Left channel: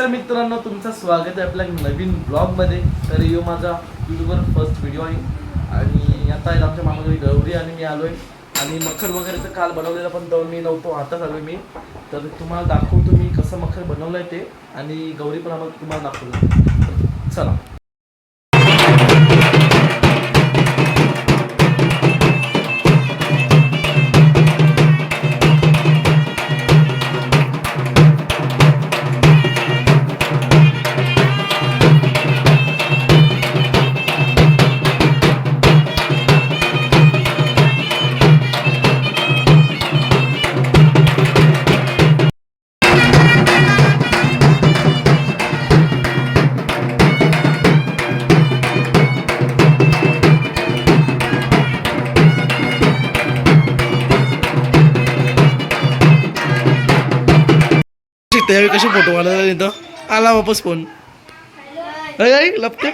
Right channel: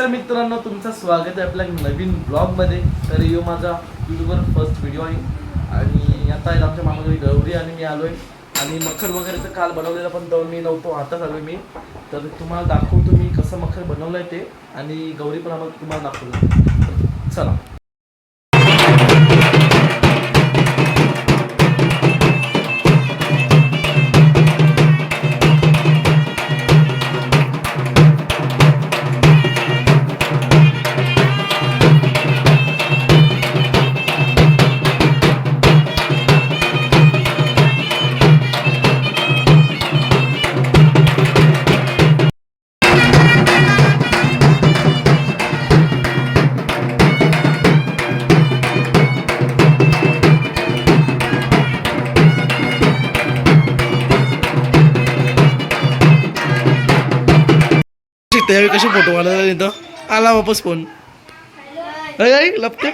नमस्कार मित्रांनो, तुमचं स्वागत आहे आपल्या नवीन ब्लॉगमध्ये. तर यो माझा यूट्यूबवर फर्स्ट व्हिडिओ आहे आणि आता आहे आमच्या मामाकडे गौरी आणि मी आलो आहे. आणि मखर वगैरे तर काल बनवलेलं पण तर मी नव्हतो, आताच आलो मी. तर तुम्हाला दाखवतो मी कसं मखर बनवलं आहे ते आणि गौरी पण आम्हाला तुम्हाला दाखवलं. चला. त्यावेळी कसे फोटो काढायला इथं आला वापस फोन लपते.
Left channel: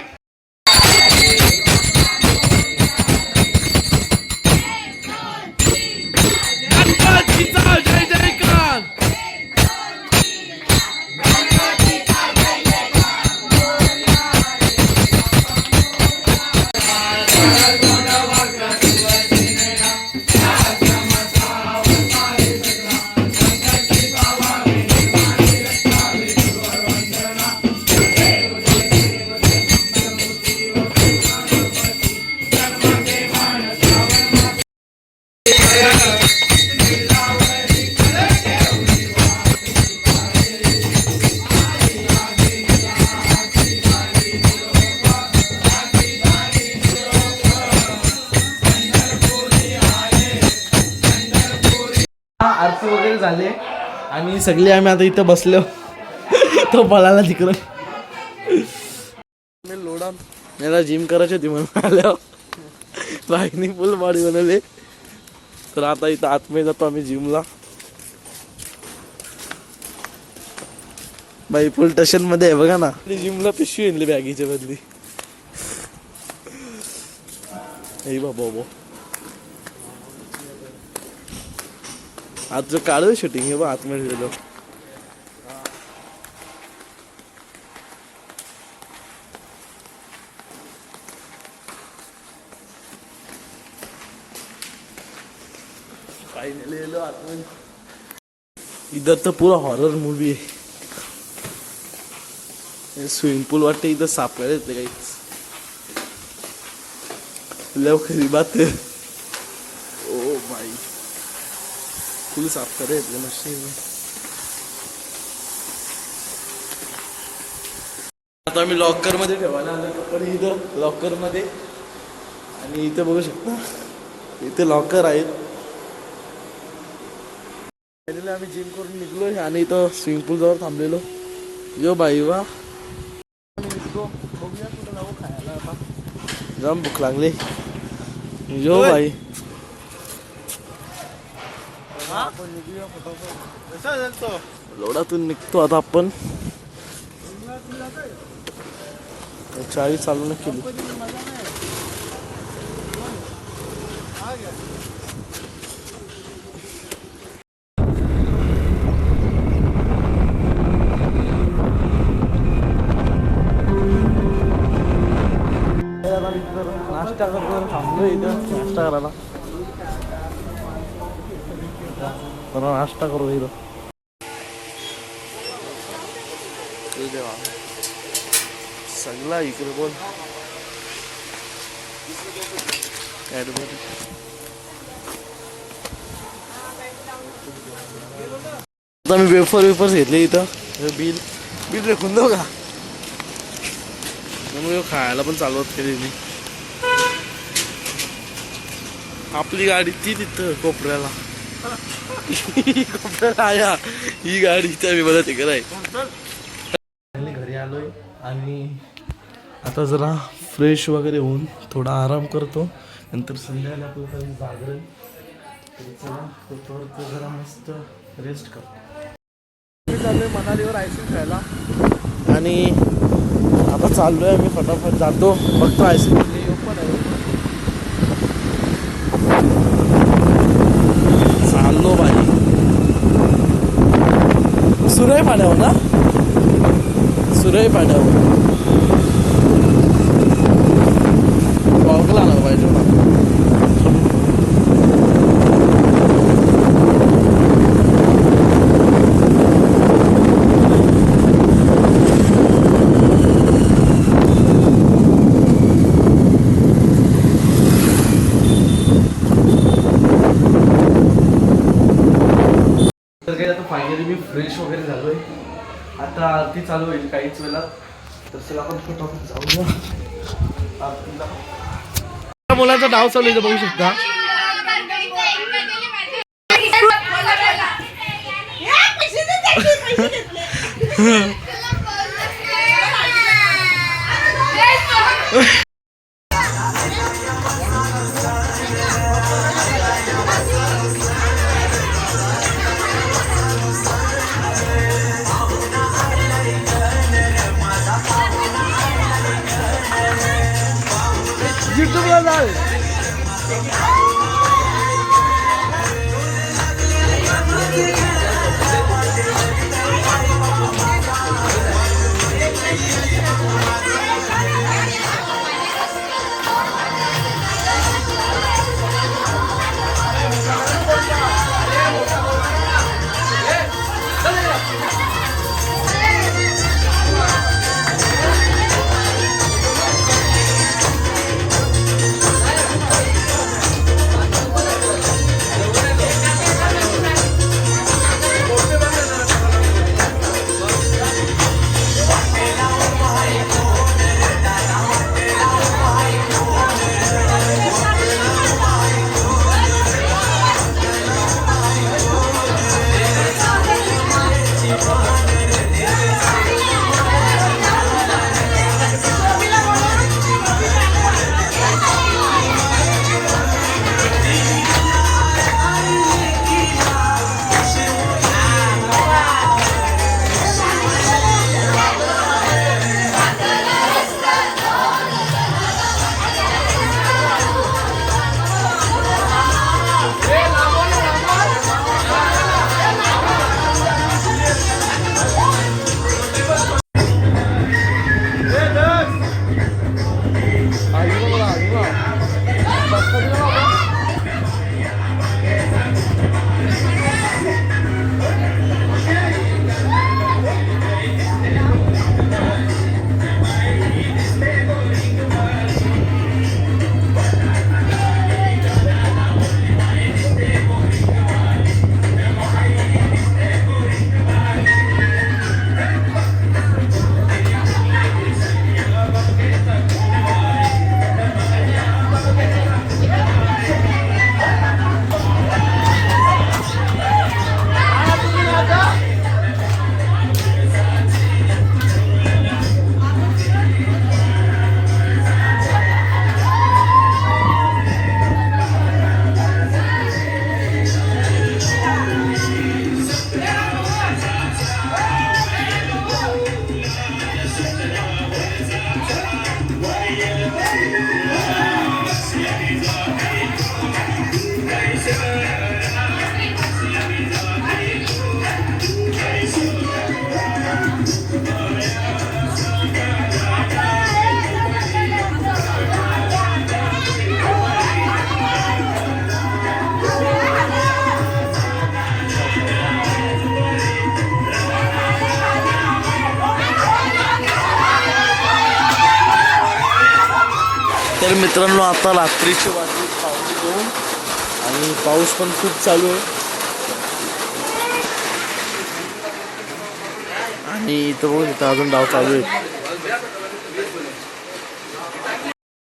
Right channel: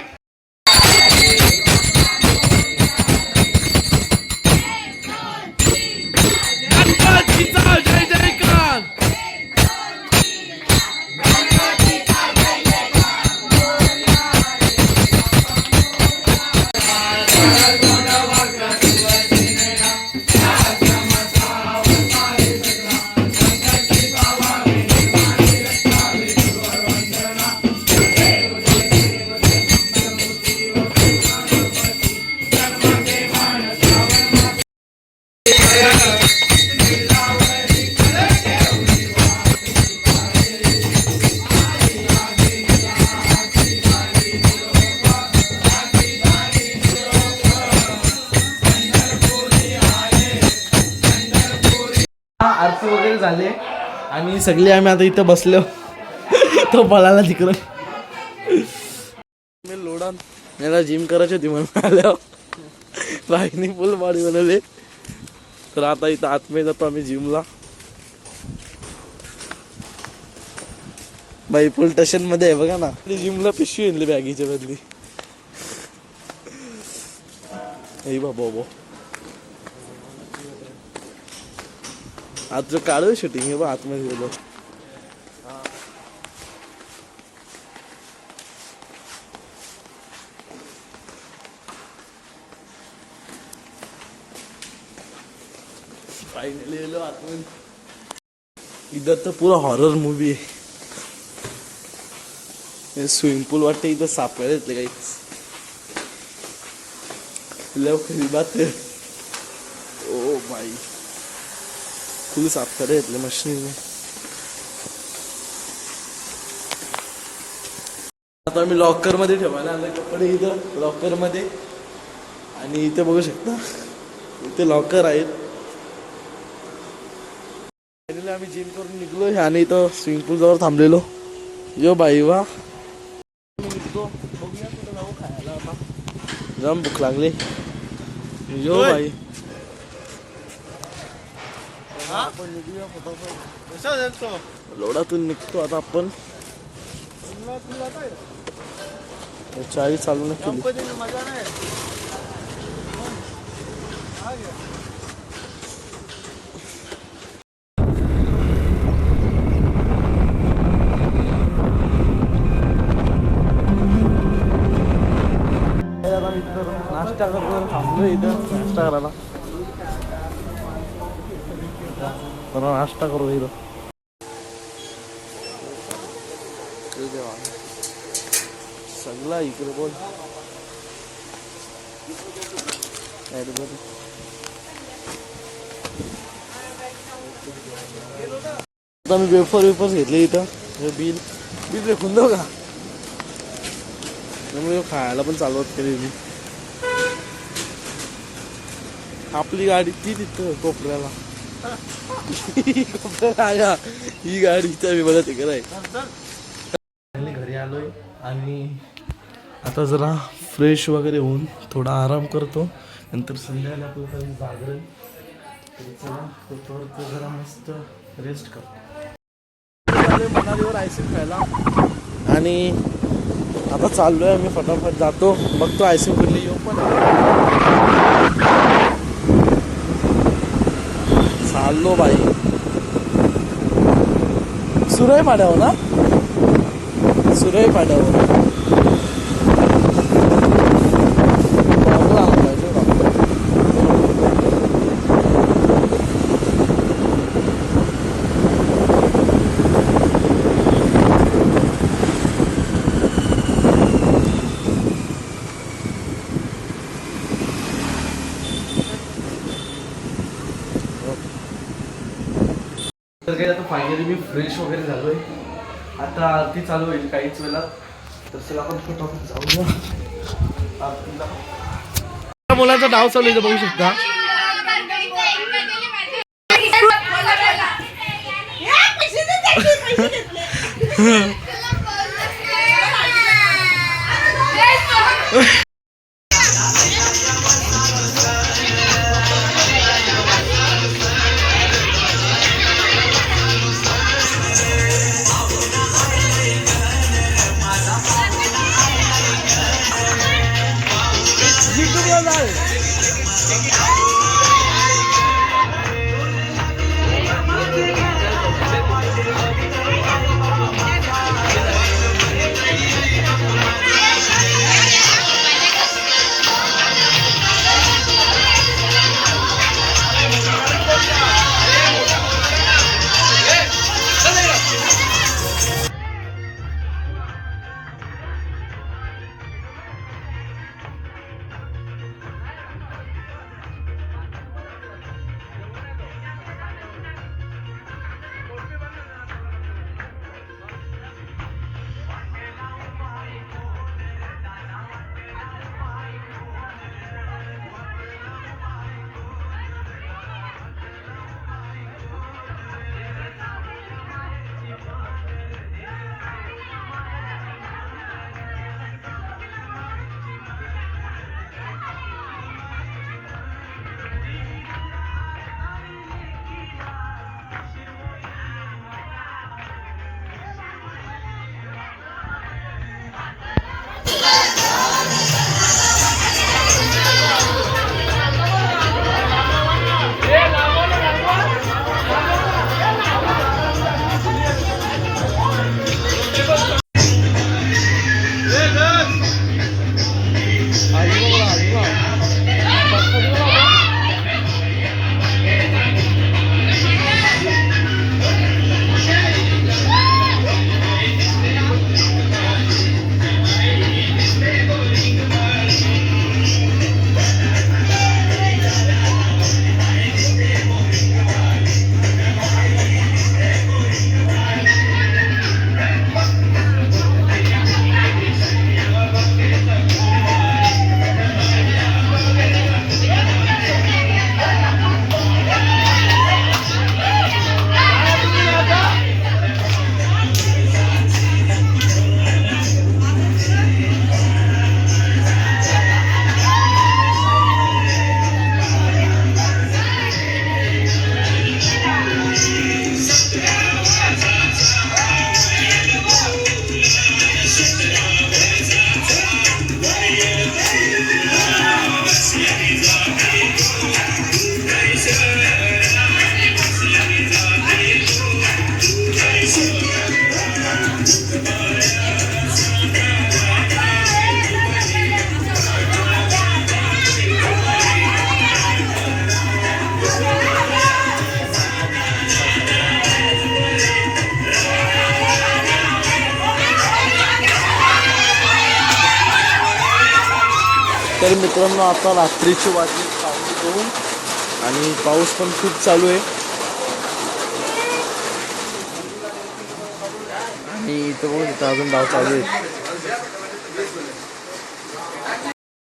आरती वगैरे झाले आणि सगळे आम्ही आता इथं बसलो. तो बळाला तिकडं मी लोडान मला जिम करायची होती म्हणून आल्यावर बाईकनी फुल बॉडी बनवले. तर आता इथं आतमध्ये जातो आम्ही जिमला. बाई फुल स्टेशन मध्ये आहे बघा ना. जिमला पिशवी आणली बॅगीच्या बदली. बाबा आज काढू शूटिंग आहे बा आतमध्ये गेलो. फायनली गेलो आतमध्ये. इधर तर पुरा हॉरर मूवी आहे. स्विमिंग पूल वाटते इथं सापडायला येते काही लवकरी बात. ओ बाई फुल साफ करे येतले मशीन. आता आम्ही लॉकर मध्ये ठेवायला आलोय कपडे इथं लॉकर मध्ये. आणि इथे बघू शकता इथे लॉकर आहेत. आम्ही जिम करून निघलोय आणि इथं स्विमिंग पूल जवळ थांबलेलो. यो बाई वा बघूया कुठं जाऊ खायला. आता जाम भूक लागली. यो बाई आपण निघूया फटाफट. लोडातून निघतो आता आपण. चाळी चालू न केली. नाश्ता करतो थांबलो इथं नाश्ता करायला. तर नाश्ता करू इथं. देवा सगळा इकडे बोल आता मी वेफर्स घेतले इथं. बिल रेखून देऊ का. त्यामुळे खायला पण चालवत केली मी. आपली गाडी ती तिथं कोपऱ्याला आया ही गाडी मी मला तिकडे आहे. घरी आलोय आणि आता जरा फ्रेश वगैरे होऊन थोडा आराम करतो. नंतर संध्याकाळी आपलं काही जागरण जरा मस्त रेस्ट करतो. मनालीवर आईस्क्रीम खायला आणि आता चाललोय आम्ही फटाफट जातो. बघतो आईस्क्रीम कुठली येऊ पण चाललो बाई. सुरई पाण्यावर ना सुरई पाड्यावर बॉगला आला पाहिजे ना. तर काही आता फायनली मी फ्रेश वगैरे झालोय. आता आरती चालू होईल काहीच वेळा. तर चला आपण फटाफट जाऊया आरतीला. मुलाचा डाव चालू आहे बघू शकता. YouTubeला जाल. तर मित्रांनो आता रात्रीची वाजली 2:15 आणि पाऊस पण खूप चालू आहे. आणि इथं बघू इथं अजून डाव चालू आहे.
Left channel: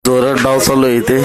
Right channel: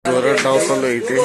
जोरात डाव चालू आहे इथे.